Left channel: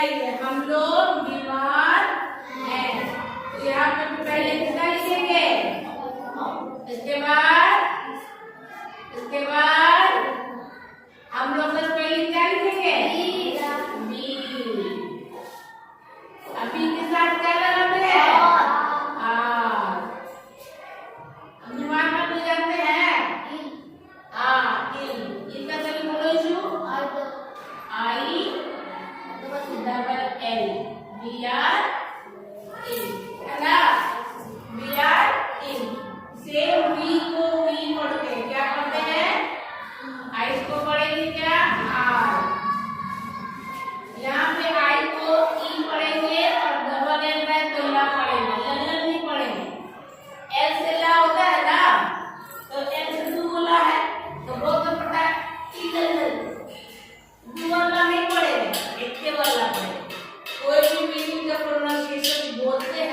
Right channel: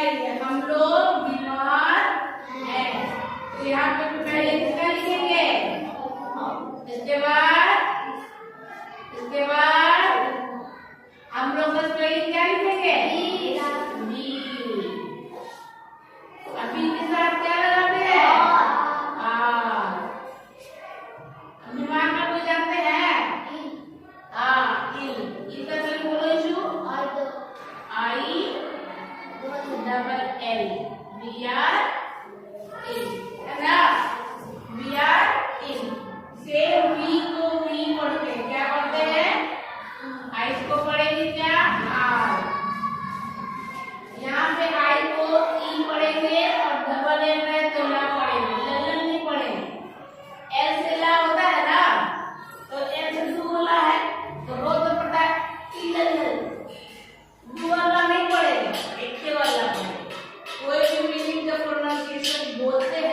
हम लोग बीमार हैं, तो यहाँ पे पहले किसका लिखेंगे, इसके बाद हम लोग बस पहले क्या लिखेंगे, बी। अभी के साथ क्या लगाते हैं, अनुमान में कोई जानते हैं, इनका चलो बोलो इशू, I double L, V R इन, है ना, वी आर इन। सेम वी को वी पढ़ते हैं, क्या पढ़ते हैं, आई को पढ़ेंगे क्या, आर। यहाँ पे आई को ई पढ़ेंगे और डबल एल है तो ला पढ़ेंगे, एल नहीं पढ़ेंगे। एल से ला होता है ना, तो एल से दू बोला है तो बहुत तो पता है, ई दू वाला नहीं पढ़ेगा, एक वाला पढ़ेगा। कोई भी मीनिंग का प्रोनाउंसिएशन बोलते हैं